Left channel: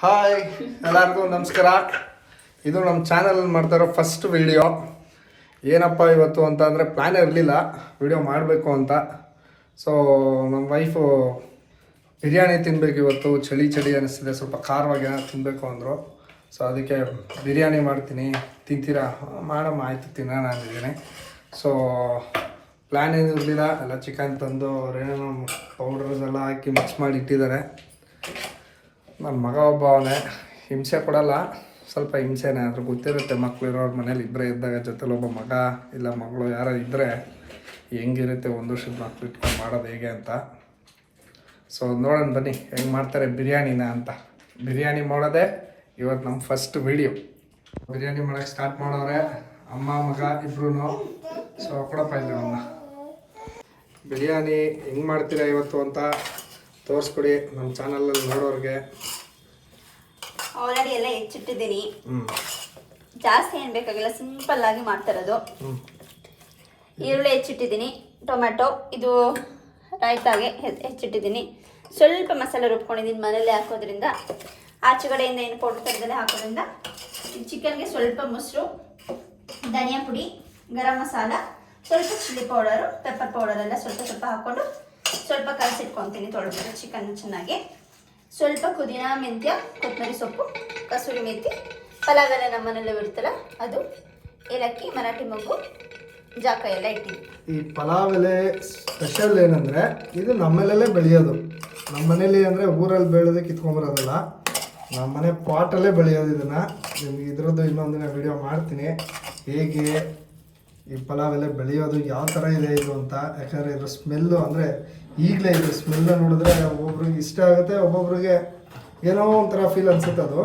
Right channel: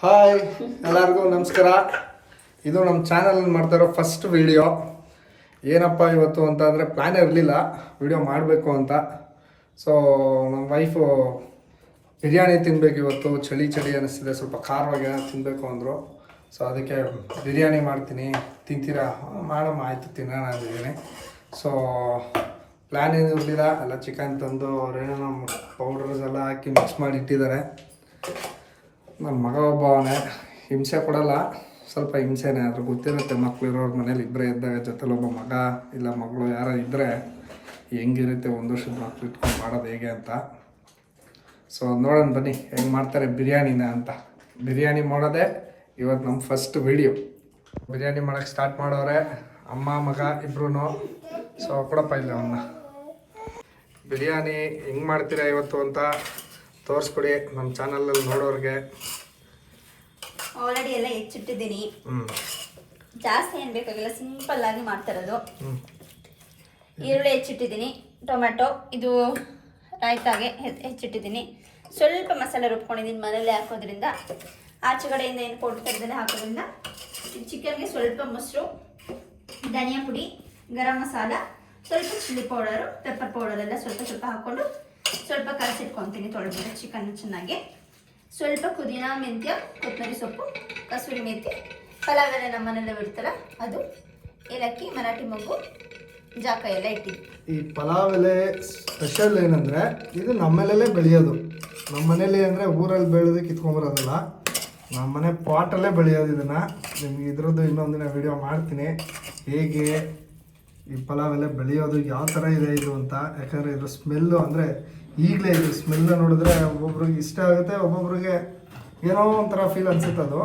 Hi ಎಲ್ಲರಿಗೂ ನಮಸ್ಕಾರ. ಇದು ನಮ್ಮ ಚಾನಲಲ್ಲಿ ಮಾಡ್ತಾರೋ ಫಸ್ಟ್ ವಿಡಿಯೋ. ಏನಪ್ಪ ಇವತ್ತು ಅಂತ ಅಂದರೆ ಪ್ಲ್ಯಾನ್ ಇರಲಿಲ್ಲ ವಿಡಿಯೋ ಮಾಡಬೇಕು ಅಂತ. ಸೊ ನಮ್ಮ ವೈಫು ಬಿರಿಯಾನಿ ತಿನ್ನಬೇಕು ಇವತ್ತು, ಚಳಿ ಅನ್ನಿಸ್ತಿದೆ, ಸ್ವಲ್ಪ ಖಾರವಾಗಿ ಏನೋ ತಿನ್ನಬೇಕು ಅಂದರು. ಸೊ ಅದಕ್ಕೆ ಬಿರಿಯಾನಿ ಮಾಡ್ತೀನಿ, ತಿಂತೀರಾ? ಮಾಡಮ್ಮ, ಆಯಿತು ತಿನ್ನೋಣ ಅಂದಿದ್ದೀನಿ. ಸೊ ಪ್ಲ್ಯಾನ್ ಏನು ಇರಲಿಲ್ಲ, ಎಲ್ಲ ಚಿಕನ್ ತಂದು ಅವರೇನೋ ನಮ್ಮ ಪೌಡರ್ಸ್ ಎಲ್ಲ ಹಾಕಿ ಮಿಕ್ಸ್ ಮಾಡಿ ಇಟ್ಟಿದ್ದಾರೆ. ನನ್ನ ಮಗ ಒಬ್ಬ ಅವನೇ, ಹಿಂಸೆ ಕೊಡಲ್ಲ, ಸ್ವಲ್ಪ ಹಿಂಸೆನೇ. ಆದರೂ ಗೊತ್ತಿರುತ್ತೆ ಮಕ್ಕಳಿರೋರ ಮನೇಲಿ ಇಬ್ಬರೇ ಇದ್ದಾಗ ಜೊತೆಲಿ ಒಬ್ಬ ಮಗ ಇಲ್ಲ ಮಗಳು ಯಾರೋ ಇದ್ದರೆ ಹೆಂಗಿರುತ್ತೆ ಒಂದು ವರ್ಷದ ಮಕ್ಳು ಇಟ್ಕೊಂಡು ಮಾಡೋದು ಹೇಗೆ ಅಂತ. ಸೊ ನೋಡೋಣ ಬನ್ನಿ ಹೆಂಗೆ ಮಾಡ್ತಾರೆ ಬಿರಿಯಾನಿನ ಅಂತ. ಬಿರಿಯಾನಿ ಮಾಡೋದೇ ಇವತ್ತು ನಮ್ಮ ಫಸ್ಟ್ ವಿಡಿಯೋ. ಬಿರಿಯಾನಿ ಮಾಡೋಕ್ಕೆ ಸ್ಟಾರ್ಟ್ ಮಾಡೋರೆ ಅಮ್ಮ ಮಗ ಇಬ್ರು. ಸೊ ಕೊಡಪ್ಪ ಇಲ್ಲ ಅವನ್ನ. ಬಿರಿಯಾನಿ ಹೆಂಗೆ ಮಾಡ್ತೀರಾ ಇವತ್ತು ಅಂತ ತೋರಿಸ್ಕೊಡಿ ನಮ್ಮ ಚಾನಲಲ್ಲಿ ನೋಡೋರಿಗೆ. ಆಲ್ರೆಡಿ ಎಲ್ಲ ಹೆಚ್ಚಿಟ್ಟಿದ್ದೀನಿ, ಜಾಸ್ತಿ ಏನು ಬೇಕಾಗಿಲ್ಲ, ಸಿಂಪಲ್ ಆಗಿ ಮಾಡ್ತಿರೋದು. ಈರುಳ್ಳಿ ಹೆಚ್ಚಿಟ್ಟಿದ್ದೀನಿ, ಟೊಮೆಟೊ ಇದು ರಾಯ್ತಾಗೆ ಹೆಚ್ಚಿಟ್ಟಿದ್ದೀನಿ. ಸ್ವಲ್ಪ ಮಸಾಲೆ ರುಬ್ಕೊಂಡಿದ್ದೀನಿ ಮನೇಲಿ ಹಾಕೋದ್ರಿಂದ, ಆಚೆಗಡೆಯಿಂದ ಏನು ಪೌಡರ್ ತೆಗೆದಲ್ಲೇ ಹಾಕೋದ್ರಿಂದ. ಚಿಕನ್ಗೆ ಸ್ವಲ್ಪ ಮೊಸರು, ಧನಿಯಾ ಪುಡಿ, ಗರಂ ಮಸಾಲ, ಸ್ವಲ್ಪ ಚಿಲ್ಲಿ ಪೌಡರು, ಪೆಪ್ಪರ್ ಪೌಡರ್ ಎಲ್ಲ ಸ್ವಲ್ಪ ಸ್ವಲ್ಪ ಹಾಕ್ಕೊಂಡು ಸ್ವಲ್ಪ ಕಲಸಿಟ್ಕೊತೀನಿ ತೊಳೆದ್ಬಿಟ್ಟು ಚಿಕನ್ ಚೆನ್ನಾಗಿ. ಸ್ವಲ್ಪ ಪುದೀನ, ಮೆಂತ್ಯ, ಕೊತ್ತಂಬರಿ ಸೊಪ್ಪು, ಕಸೂರಿ ಮೆಂತ್ಯ, ಪಲಾವ್ ಎಲೆ ನಮ್ಮ ಮನೆಯಲ್ಲೇ ಬಿಡ್ತಾರೆ ಅದು, ಏಲಕ್ಕಿ, ಮರಾಠಿ ಮೊಗ್ಗು, ಜಾಕ ಎಲ್ಲ ಇಟ್ಟಿದ್ವಿ. ಈ ಪಲಾವ್ ಎಲೆ ಸ್ಪೆಷಲ್ ಏನಂದರೆ ಇದು ನಮ್ಮನೇಲೇ ಬೆಳೆಯೋದು. ನಮ್ಮ ಮನೇಲಿ ಅಂದರೆ ಊರಲ್ಲಿ ಬೆಳೆದು ಕಿತ್ಕೊಂಬರೋದಲ್ಲ, ನಮ್ಮ ಮನೆ ಪಾಟಲ್ಲೇ ಬೆಳೆಯೋದು. ಇದನ್ನು ನಿಮ್ಗೆ ಇದ್ರದ್ದು ಇನ್ನೊಂದಿನ ವಿಡಿಯೋ ಮಾಡ್ತೀನಿ, ಹೇಗೆ ಈ ಪಲಾವ್ ಎಲೆ ಬೆಳೆಯೋದು, ಯಾವ ಥರ ಇದೆ ಇದು ಅಂತ. ಯಾಕಂದರೆ ಇದ್ರ ಸ್ಮೆಲ್ಲು ಅಂದರೆ ಈಗಲೇ ಇದು ಸ್ಮೆಲ್ನ ನೋಡಿದ್ರೆ ಒಬ್ಬೊಬ್ರಿಗೆ ಇಷ್ಟ ಆಗುತ್ತೆ, ಒಬ್ಬೊಬ್ರಿಗೆ ಏನೋ ಒಂಥರ ಫೀಲ್ ಅನ್ಸುತ್ತೆ ಅದು.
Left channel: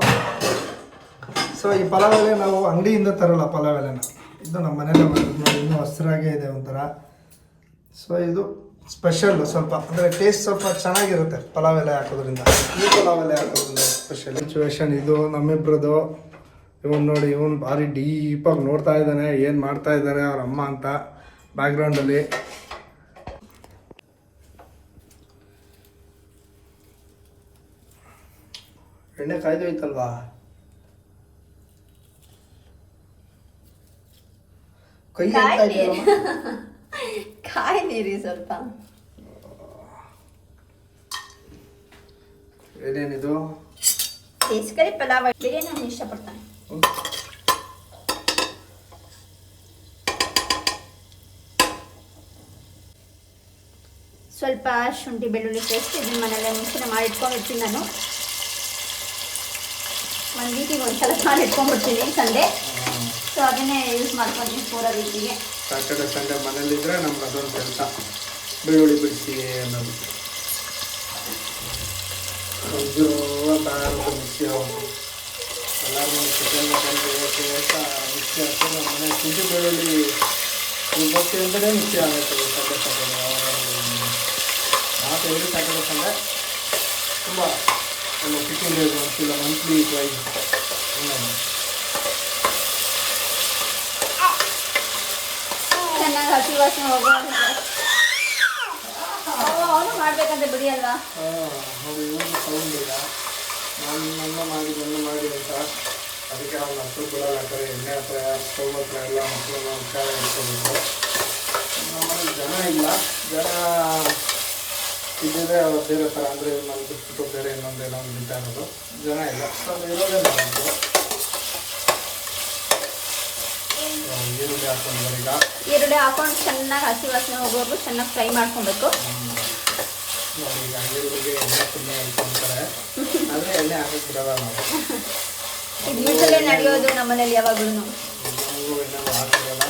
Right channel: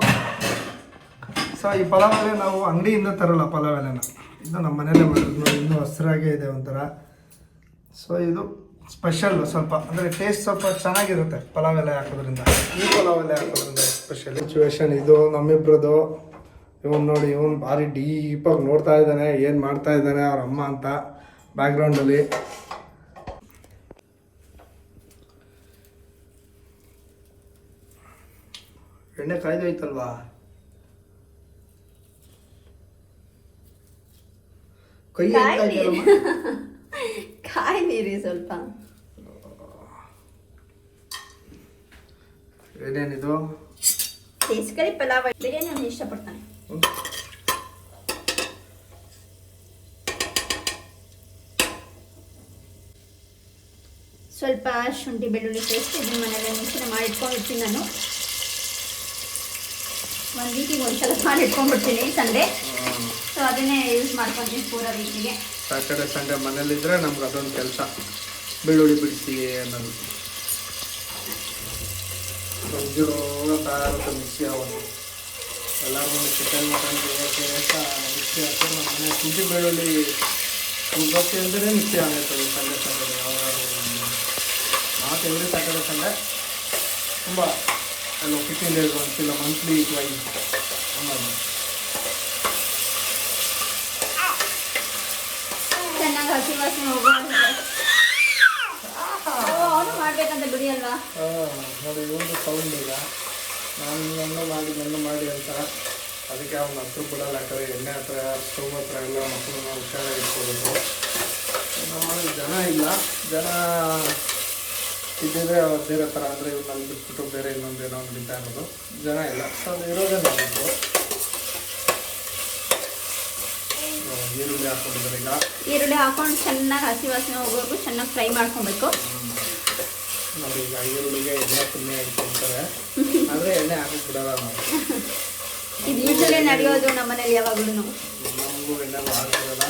ಸೊ ಈ ಪಲಾವ್ ಎಲೆ ನಾವು ಅಂಗಡಿಯಿಂದ ತರೋಲ್ಲ ಪಲಾವ್ ಎಲೆನ, ಇದು ನಮ್ಮ ಮನೇಲೇ ಮಾಡೋದು. ನೋಡಿ ಇನ್ನೂ ಹಸಿರಾಗೇ ಇದೆ ಒಂಥರ. ಸೊ ಇದು ಸ್ಪೆಷಲ್ಲು ಸ್ವಲ್ಪ, ಅಂದರೆ ಟೇಸ್ಟ್ ಸ್ವಲ್ಪ ಚೆನ್ನಾಗಿರುತ್ತೆ ಪಲಾವ್ ಎಲೆ ಹಾಕೋದ್ರಿಂದ. ಈ ಪಲಾವ್ ಎಲೆ ಹಾಕೋದ್ರಿಂದ ಸ್ಪೆಷಲ್. ಸಿಚುವೇಶನ್ ಇದು ನಮ್ಮಿಬ್ರದ್ದು. ಇವನು ನೋಡಿ, ಇವನು ಭಾರಿ ಡೀಪಾಗಿ ನೋಡ್ತಾ ಇದ್ದಾನೆ ಏನು ಮಾಡ್ತಾ ಇದ್ದಾನೆ ಅವ್ರ ಅಮ್ಮ ಅಂತ ಬ್ಯಾಕ್ಗ್ರೌಂಡಲ್ಲಿ. ಎಣ್ಣೆ ಕಾಯ್ದೋಯ್ತಲ್ವಾ? ಕೈ ಅಂತ ಕಾಯಿ ನೀರಿ ಸ್ವಲ್ಪ. ಏನೇನಿದು? ಬೇಸಿಗೆ ಪಲಾವ್ ಬಿರಿಯಾನಿ ನಾನು ಇಷ್ಟಪಡ್ತಾನೆ. ಸ್ವಲ್ಪ ಶುಂಠಿ ಬೆಳ್ಳುಳ್ಳಿ ಪೇಸ್ಟ್ ಇದನ್ನ ಮನೆಯಲ್ಲೇ ಮಿಕ್ಸಿನ ಮಾಡಿ ಇಟ್ಕೊಂಡಿರ್ತೀನಿ ನಾನು. ಒಂದು ವೀಕಿಗೆ ಒಂದ್ಸಲ ಮಾಡಿ ಇಟ್ಕೊಂಡ್ಬಿಡ್ತೀನಿ ಸಂಡೇ. ಸೊ ಅದನ್ನೇ ಯೂಸ್ ಮಾಡ್ಕೊತೀನಿ ಪೂರ ವೀಕಿಗೆ. ಸ್ಯಾಟರ್ಡೆ ಸಂಡೇ ಮನೇಲಿದ್ದರೆ ನಮ್ಗೆ ಅದೊಂದು ಕೆಲಸ, ಬೆಳ್ಳುಳ್ಳಿ ಬಿಡಿಸಿ ಅನ್ನೋದು. ಅಂತ ಮಿಕ್ಸಿ ಆಗೋದು ಎಲ್ಲರಿಗೂ ಮಿಕ್ಸಿ ಹಾಕ್ತಾರೆ. ಮನೆ ಶುಂಠಿ ಬೆಳ್ಳುಳ್ಳಿ ಇವತ್ತು ಅಂದರೆ ಮಿಕ್ಸಿ ಆಗೈತಲ್ಲ ಸಂಡೇ ಸಂಡೇ. ನಾವು ಎವ್ರಿ ಸ್ಯಾಟರ್ಡೆ ಸಂಡೇ ತುಂಬ ಎಲ್ಲ 15 days ಒಂದ್ಸಿಲ್ಲ, ಮಂತ್ಲಿ ಟ್ವೈಸ್ ಅನ್ನೋದು. ಚೆನ್ನಾಗಿ ಹಸಿ ವಾಸನೆ ಹೋಗೋದು ಮಾಡ್ಬೇಕಂತ ಬಿಡಿ ಅಲ್ವಾ? ನೋಡಿ ಇವನು ಸೌಂಡ್ ಈಗ ನಾನು ಗಂಡು ಮಾಡಿ ಅಂತ. ಅದಕ್ಕೆ ಅವ್ನ ಹತ್ರ ಬಿಡಲ್ಲ, ಯಾಕಂದರೆ ಎಣ್ಣೆ ಹತ್ರ ಸ್ಟವ್ ಹತ್ರ ಎಲ್ಲ ಮಕ್ಕಳನ್ನ ಹುಷಾರ ಇಟ್ಕೋಬೇಕು. ನಮ್ಮಲ್ಲಿ ಜನ ಇಲ್ಲ, ಜನ ಇದ್ದಿದ್ರೆ ಬೇರೆ ಥರ, ಅಂದರೆ ಇವ್ರು ನಾನು ಬಿಟ್ಬಿಟ್ಟು ಬೇರೆ ಇನ್ನೊಂದೇನೋ ನಿಂತ ಇರೋದು. ಜನ ಇಲ್ಲ, ಸೊ ಅದು ಇರೋದೇ ಮಾಡೋದು. ಈರುಳ್ಳಿ ಹಾಕೊಂಡ್ರೆ ಈಗ ಈರುಳ್ಳಿ ಹಾಕೊಂಡು ಚೆನ್ನಾಗಿ ಹಸಿ ವಾಸನೆ ಹೋಗೋದು ಚೆನ್ನಾಗಿ ಫ್ರೈ ಮಾಡ್ಕೊಬೇಕು. ನೋಡಿ ಈಗ ಈರುಳ್ಳಿಗೆ ಎಣ್ಣೆ ತುಂಬಾ ಇಟ್ಕೊಂತಾರೆ, ಆದರೆ ಎಣ್ಣೆ ಹಾಕಕ್ಕೆ ಬಿಡಲ್ಲ ನಾವು. ಇದರಲ್ಲೇ ನಡೆಯೋದು ನಮ್ಮನೇಲಿ ಯಾವಾಗಲೂ. ನಮಗೂ ಎಣ್ಣೆ ಹಾಕಿರಲ್ಲ,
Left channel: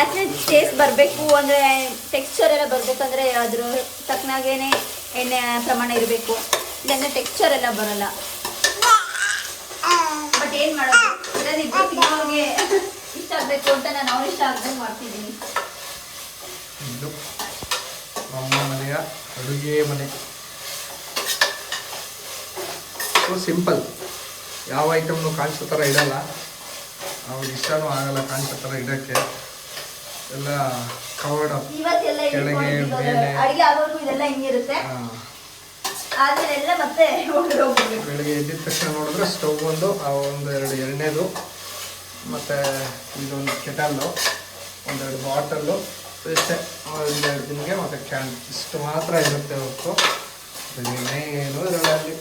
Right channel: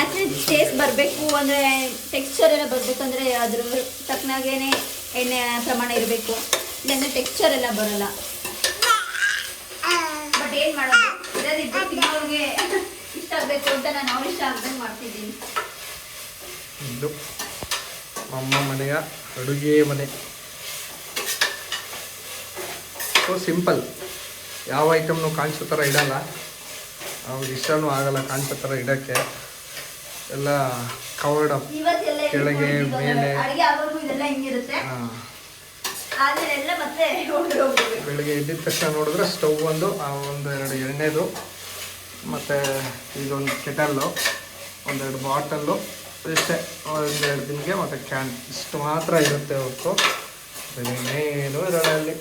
ಆಕ್ಚುಲಿ ಟೇಸ್ಟ್ ಬರಬೇಕು ಅಂದರೆ, ಟೆಕ್ಸ್ಚರ್ ಎಲ್ಲ ಬರಬೇಕಂದ್ರೆ ಅದ್ರ ತಕ್ಕನಾಗೇನೆ ಎಣ್ಣೆ ಪ್ರಮಾಣ ಇರಬೇಕು, ಇಲ್ಲಾಂದರೆ ಟೆಕ್ಸ್ಚರ್ ಎಲ್ಲ ಬರಲ್ಲ. ಬಟ್ ಏನು ಮಾಡೋದು, ಇರೋದಿದ್ದು ತಿನ್ನೋರಿಗೆ ಇಷ್ಟ ಆಗಬೇಕು ಅಂತ ನಾನು ಅವ್ರು ಇಷ್ಟ ಆಗ್ದಂಗೆ ಮಾಡ್ತಿದ್ದೀನಿ. ಇದು ನಮ್ಮ ಮನೆಯ ಅಡುಗೆ ಮನೆ. ಸೊ ಸಿಂಪಲ್, ಯಾವ ಐಟಮ್ನು ಕಾಣಿಸೋ ಥರ ಇಡಲ್ಲ, ಅವ್ರಿಗೆ ಇಷ್ಟನೂ ಆಗಲ್ಲ ಕಾಣಿಸೋ ಥರ ಇಡೋಕ್ಕೆ. ಎಲ್ಲ ಕವರ್ಡ್ ಅಪ್, ಕೆಳಗೆ ಮೇಲೆ. ಅಡುಗೆ ಆಗೋದು ಇದೆಲ್ಲ ಹಿಂಗಿರುತ್ತೆ. ಆದ್ರೆ ಎಲ್ಲ ಮತ್ತೆ ಹೋಗ್ಬೇಕು. ಬೆಳಿಗ್ಗೆ ಎದ್ದಿದ ತಕ್ಷಣ ನೋಡಿದ್ರೆ ಸ್ಟವ್ ಒಂದು ಎರಡು ಎಣ್ಣೆದು ಮತ್ತು ಇದೊಂದು ಕೆಟಲ್ಲು, ಒಂದೆರಡು ಬಾಟಲ್ಲು ಇಷ್ಟೇ. ಒಂದೆರಡು ದಿನಕ್ಕೆ ಮತ್ತು ಕ್ಯಾನ್ ಇಷ್ಟು ಮಾತ್ರ ಇರುತ್ತೆ ಹೊರತು ಇನ್ನೇನು ಇರಲ್ಲ ಅಲ್ಲಿ.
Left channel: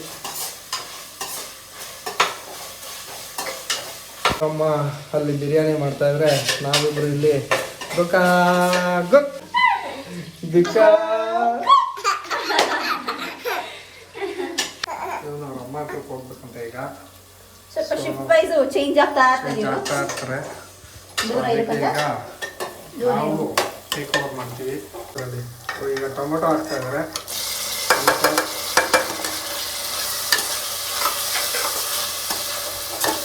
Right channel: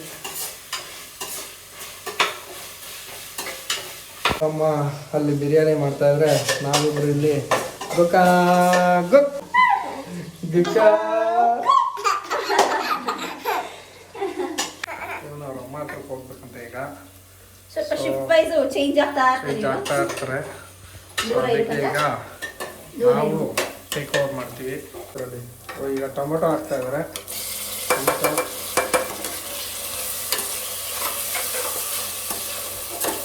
ಅಮ್ಮ ಅಲ್ಲಿ ಬಿರಿಯಾನಿ ಮಾಡ್ತಾಯಿದ್ರೆ ನಾವಿಬ್ಬರು ಇಲ್ಲಿ ಗುಕ್ಕಾ ಗುಕ್ ಗುಕ್ಕಾ ಅವ್ರ ಅಮ್ಮ ಹತ್ರಕ್ಕೆ ಹೋಗ್ಬೇಕಂತ ಈಗ ಸ್ವಲ್ಪ ಶಿಫ್ಟ್ ವೈಸ್ ಚೇಂಜ್ ಆಗ್ತಾ ಇರ್ತಾರೆ. ಸೊ ಅದಕ್ಕೆ ಈಗ ನಾವು ಟೇಕ್ ಓವರ್ ಮಾಡ್ತೀವಿ. ಅದರಲ್ಲಿ ಈಗ ಟೊಮೆಟೊ ಹಾಕ್ತಾ ಇದ್ದಾರೆ.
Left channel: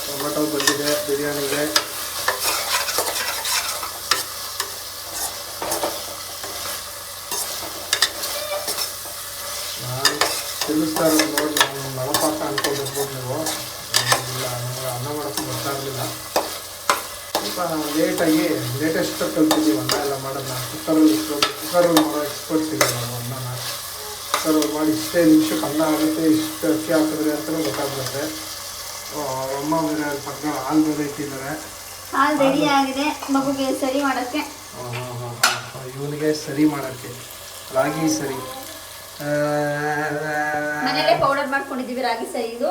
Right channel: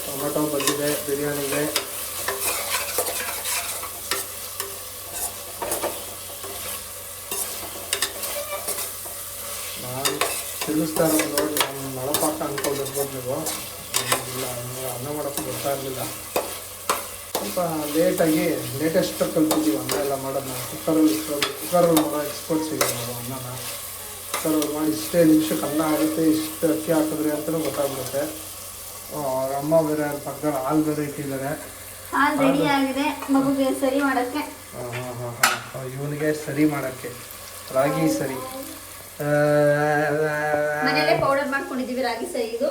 ಟೊಮೆಟೊ ಬಂದಿದೆ ಬಿರಿಯಾನಿಗೆ. ನಾನು ತಿನ್ನಿಸ್ತಾ ಇರೋದು ನೋಡಿ ನಾನು ನಳಪಾಕ ಅನ್ಕೊಂಡಿರ್ಬೋದು ನೀವು. ಇಲ್ಲ, ನನಗೆ ಅನ್ನ ಮಾಡೋಕ್ಕೆ ಬರ್ತಾ ಇರಲಿಲ್ಲ. ಸ್ವಲ್ಪ ಲೇಟೆಸ್ಟ್ ಕಲ್ತಿದ್ದೀವಿ ಅನ್ನ ಎಲ್ಲ ಮಾಡೋದನ್ನ. ಕುಕ್ಕರಲ್ಲಿ ಮಾಡೋ ಎಕ್ಸ್ಪರ್ಟ್ಸ್ ಇದೆ ನಾವು. ಅನ್ನನ ಕುಕ್ಕರಲ್ಲಿ ಮಾಡಿ ಇಷ್ಟೇ ನಿಮಿಷಕ್ಕೆ ಅನ್ನ ಆಗುತ್ತೆ, ಇಷ್ಟು ಅಕ್ಕಿ ಹಾಕಿದ್ರೆ ಅಂತಲೂ ಗೊತ್ತಾಗ್ಬಿಡುತ್ತೆ. ಅವ್ರ ಅಮ್ಮ ಬೇರೆ ಪಕ್ಕದಲ್ಲಿ ಹಾಲು ಬೇರೆ ಇಟ್ಟಿದ್ದಾರೆ. ಹಾಲು ರೆಡಿ ಆಗಿದೆ ಮಗುಗೆ ಸರಿ ಮಾಡೋಕ್ಕೆ. ಇವನಿಗೆ ಸರಿ ಮಾಡೋಕ್ಕೆ ರಾಗಿ ಸರಿ ಮನೆಯಲ್ಲೇ ಪೌಡರ್ ಮಾಡ್ಕೊಂಡಿದ್ದೀವಿ ರಾಗಿ ಸರಿ. ಇದು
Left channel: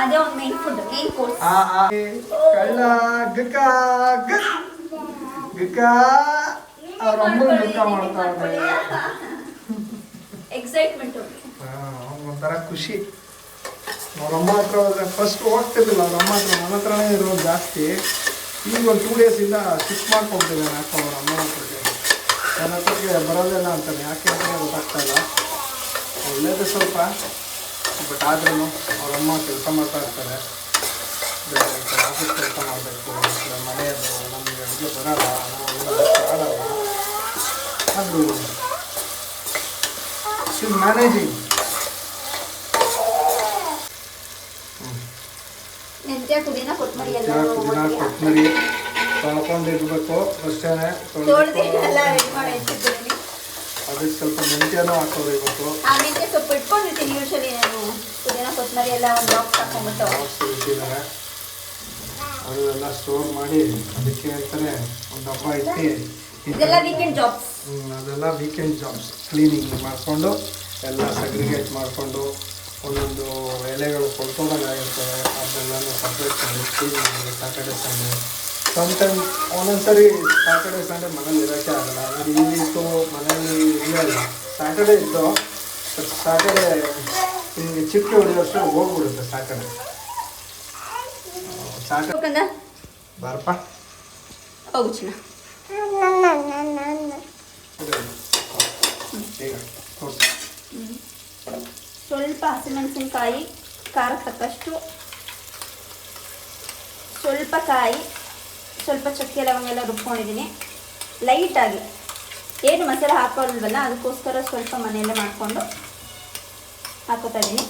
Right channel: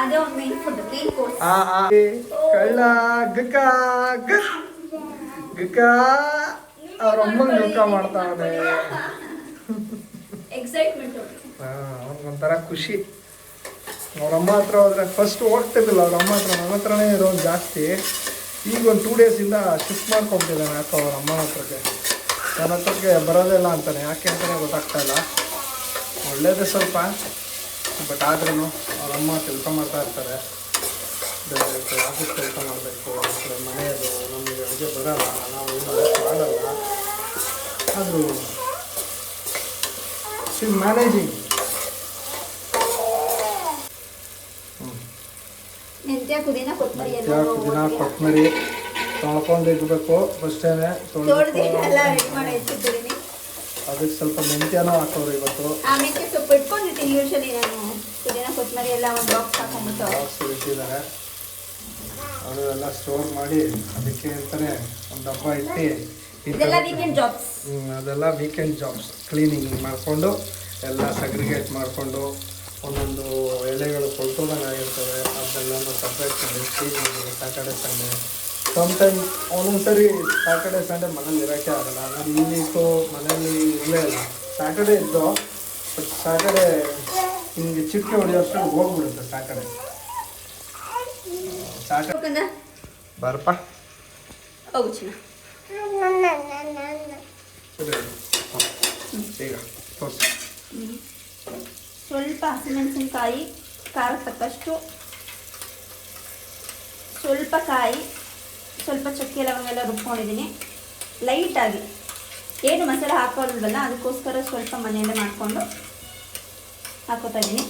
ಅದೇ ಒಂದು ಮೇನ್ ಫುಡ್, ಮೇನ್ ಕೋರ್ಸ್. ಕಳ್ಳ ಗಕ್ಕ ಗಕ್ಕ ಅವ್ರ ಅಮ್ಮ ಗಕ್ಕ ಮಾಡ್ತಾವ್ರೆ. ಎಕ್ಸೈಟ್ಮೆಂಟ್ ಒಂಥರ ಖುಷಿ. ಅವ್ರಮ್ಮ ಹತ್ರ ಹೋದ್ರೆ ಫಸ್ಟ್ ಹೋಗ್ತಿರ್ಲಿಲ್ಲ ಅವ್ರ ಅಮ್ಮ ಹತ್ರ, ನನ್ನ ಹತ್ರನೇ ಇರೋದು ಜಾಸ್ತಿ. ಈಗ ಒಂದು 2 ಡೇಸಿಂದ ಶಿಫ್ಟ್ ಮಾಡ್ಕೊಬಿಟ್ಟಿದ್ದಾನೆ ಯಾಕೋ ಅವ್ರ ಅಮ್ಮ ಹತ್ರಕ್ಕೆ. ನನ್ನ ಹತ್ರಕ್ಕೆ ಬರೋದಿಲ್ಲ ಅಂತಾನೆ, ಯಾಕೆ ಅಂತಲೇ ಗೊತ್ತಾಗ್ತಾ ಇಲ್ಲ. ಒಳ್ಳೇದು ಸ್ವಲ್ಪ, ಬಟ್ ಆದ್ರೂ ಅವರಮ್ಮ ಕೆಲಸ ಮಾಡ್ತಾ ಇರ್ತಾರೆ. ಆಫೀಸ್ ಕೆಲಸ ಮಾಡಬೇಕು, ಮನೆಯದು ನಮಗೆ ಅಡುಗೆ ಬರೋಲ್ಲ, ನಾವು ಮಾಡಲ್ಲ. ಆದರೂ ಶಿ ಇಸ್ ಮ್ಯಾನೇಜಿಂಗ್. ಮೆಂತ್ಯ ಪುಡಿನ ಕೊತ್ತಂಬರಿ ತೊಳ್ಕೊಂಡಿರ್ಬೇಕು ಫಸ್ಟೇನೆ. ಅದಕ್ಕೆ ಸ್ವಲ್ಪ ಮೆಂತ್ಯನೂ ಹಾಕೋರು ಇವತ್ತು. ಆ ಮೆಂತ್ಯ ಸೊಪ್ಪು ಇಟ್ಕೊಂಡಿರ್ತೀನಿ ಯೂಶಲಿ ನಾನು. ಪುದೀನ ಕೊತ್ತಂಬರಿ ಎಲ್ಲ ಒಂದು ಬಾಕ್ಸ್ ಹಾಕೊಂಡ್ಬಿಟ್ಟು ಇಟ್ಟಿದ್ದಾರೆ. ಅದು ಎಲ್ಲ ಸ್ಟೋರ್ ಮಾಡಿ ಅದಕ್ಕೆ ಅಂತಲೇ ಒಂದು ಡಬ್ಬ ಇಟ್ಟು ಇದೆಲ್ಲ ವೀಕೆಂಡ್ ಜಾಬ್ಸ್. ಅದೆಲ್ಲ ವೀಕೆಂಡ್ ಜಾಬ್ಸ್. ಕ್ಲೀನಿಂಗ್ ಮಾಡಿಕೊಂಡು ಎಲ್ಲ ಸಗ್ರಿಗೇಟ್ ಮಾಡಿಕೊಂಡು ಒಂದೊಂದು ಎಲೆಗಳು ಕೊಳ್ತೋದಂಗಾಗಿರ್ತವೆ, ಅದೆಲ್ಲನೂ ಸಪ್ರೇಟ್ ಮಾಡಿ ಕ್ಲೀನಿಂಗ್ ಮಾಡಿ. ಸ್ಯಾಟರ್ಡೆ ಸಂಡೇ ಸಮ್ಟೈಮ್ ಒಂದೊಂದ್ಸರಿ ಸ್ಯಾಟರ್ಡೆ ಸಂಡೇ ಮನೇಲಿ ಇರೋಕ್ಕೆ ಆಗಲ್ಲ. ಅಂದರೆ ಈ ವೀಕು ಮನೇಲಿ ಇರಲಿಲ್ಲ. ಸ್ಯಾಟರ್ಡೆ ಇದ್ದು ಬಟ್ ಸ್ಯಾಟರ್ಡೆ ನಿಮಗೆ ಚಿಕ್ಕ ಹೊಡೆಯೋಷ್ಟು ಹೋಗ್ಬಿಡುತ್ತೆ. ಸ್ಯಾಟರ್ಡೆ ಬಾರಪ್ಪ ಹೋಗು ಚಿನ್ನ. ಈಗ ತೋರಿಸಿ. ಸ್ವಲ್ಪ ಹಸಿಮೆಣಸಿನಕಾಯಿ, ಖಾರಕ್ಕೆ ತಕ್ಕಷ್ಟು, ಸ್ವಲ್ಪ ಕಾಯಿ, ಸ್ವಲ್ಪ ಚಕ್ಕೆ ಲವಂಗ ಎಲ್ಲ ರುಬ್ಕೊಂಡಿದ್ದೀನಿ ಲೈಟಾಗಿ. ಏನು ಮಸಾಲೆ ಹಾಕೋಲ್ವಲ್ಲ ಅದಕ್ಕೋಸ್ಕರ ಸ್ವಲ್ಪ ಮನೆಯಲ್ಲೇ ಮಾಡಿಕೊಂಡು ಹಾಕೋತಾ ಇದ್ದೀನಿ.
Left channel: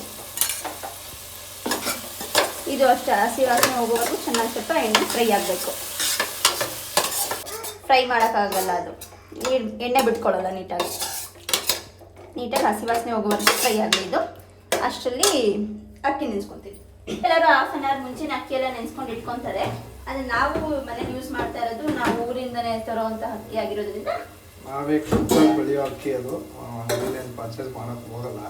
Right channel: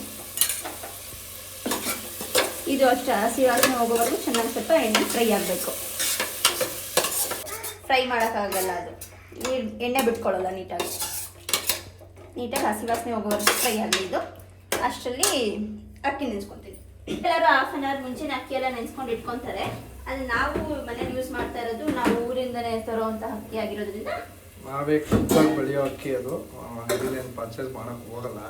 ಇದು ಅಷ್ಟೇ ಹಸಿ ವಾಸನೆ ಹೋಗೋವರೆಗೂ ಚೆನ್ನಾಗಿ ಸ್ವಲ್ಪ ಎಣ್ಣೆ ಫ್ರೈ ಆಗಬೇಕು. ಫ್ರೈ ಮಾಡೋಕ್ಕಾಗಲ್ಲ, ಅದು ಎಣ್ಣೆ ಬಿಟ್ಕೊಳ್ಳಲ್ಲ ನೀಟಾಗಿ ಹಸಿ ವಾಸನೆ ಹೋಗೋವರೆಗೂ ಫ್ರೈ ಆಗಲಿ. ಇದು ಅಷ್ಟರಲ್ಲಿ ಅಕ್ಕಿ ನೆನೆಸ್ಕೊತೀವಿ. ಎಲ್ಲರೂ ಹಾಫ್ ಆನ್ ಅವರ್ ಮುಂಚೆನೇ ಅಕ್ಕಿ ಎಲ್ಲ ನೆನೆಸ್ಕೊಂಡು ಇಟ್ಕೊತಾರೆ. ಅದು ನಾವು ಮನೇಲಿ ಯೂಸ್ ಮಾಡ್ತಾ ಇರೋದು ನಾವು ಊರಿಂದನೇ ತರೋವಂಥ ಅಕ್ಕಿ ಆಗಿರೋದ್ರಿಂದ ನಾವೇ ಖುದ್ದಾಗಿ ಬೆಳೆಯೋ ಅಕ್ಕಿ. ಅದು ಅಂಗಡಿಲೇನು ಪರ್ಚೇಸ್ ಮಾಡೋಕ್ಕೆ ಹೋಗಲ್ಲ.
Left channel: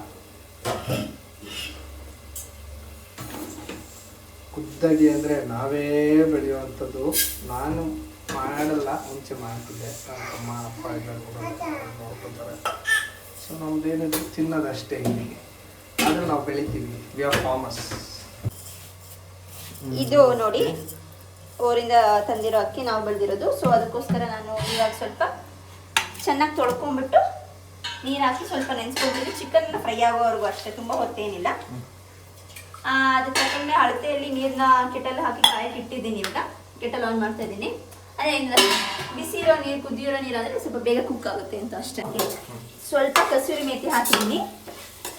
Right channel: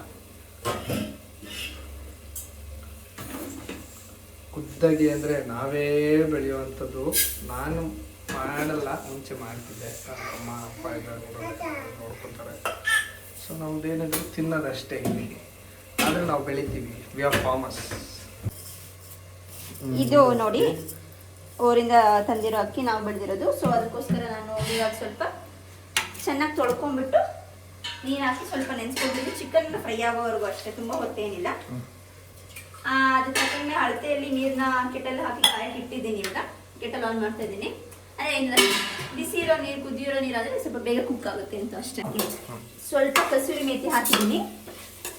ಖುದ್ದಾಗಿ ಅಂದರೆ ನಾವೇ ಬೆಳೆಯುವಂಥದ್ದು. ನಾನು ಮಾಡಲ್ಲ, ಮುಂಚೆ ಮಾಡ್ತಿದ್ದೆ. ಅಮ್ಮ ಅಪ್ಪ ಎಲ್ಲ ನೋಡ್ಕೊತಾರೆ. ಸೊ ನಮ್ದೇನಿದ್ರು ತಿನ್ನೋದಷ್ಟೇ ಇಲ್ಲಿ. ಆದರೆ ನಾವು ಬೆಳಿತೀವಿ. We are farmers. ಇದು ನೋಡಿ ಊರಿಂದ ತಂದಿರೋ ಅಕ್ಕಿ ನಾವು ಬೆಳೆದಿರೋದು. ಸೊ ಅದಕ್ಕೋಸ್ಕರ ನಾನು ಇವಾಗ ಸ್ವಲ್ಪ ಚೆನ್ನಾಗಿ ತೊಳ್ಕೊಂಡ್ಬಿಟ್ಟು ನೀರು ಹಾಕಿ ಸ್ವಲ್ಪ ನೆನೆಸ್ಕೊಳ್ತೀನಿ. ಚಿಕನ್ ಫ್ರೈ ಆಗೋವರೆಗೂ ಅಷ್ಟೇ, ತುಂಬ ಹೊತ್ತೇನಿಲ್ಲ. ಅದಕ್ಕೆ ತಕ್ಕಂಗೆ ಅಳತೆಯಲ್ಲಿ ನೀರನ್ನ ಕೆಟಲ್ ಹಾಕಿ ಕಾಯಕ್ಕೆ ಇಟ್ಟಿದ್ದೀನಿ. ಇವಾಗ ಕೆಟಲ್ ಆನ್ ಮಾಡ್ತಾ ಇದ್ದೀನಿ. ಅದೇ ಇಲ್ಲ, ಬಿಸಿ ಇರೋ ನೀರು, ಕುದಿರೋ ನೀರು ಆದರೆ ಸ್ವಲ್ಪ ಬೇಗ ಕುಕ್ ಆಗುತ್ತೆ ಅಂತ ಅಷ್ಟೇ. ಸ್ವಲ್ಪ ಕಸೂರಿ ಮೇಥಿ ಹಾಕಿದ್ದೀನಿ.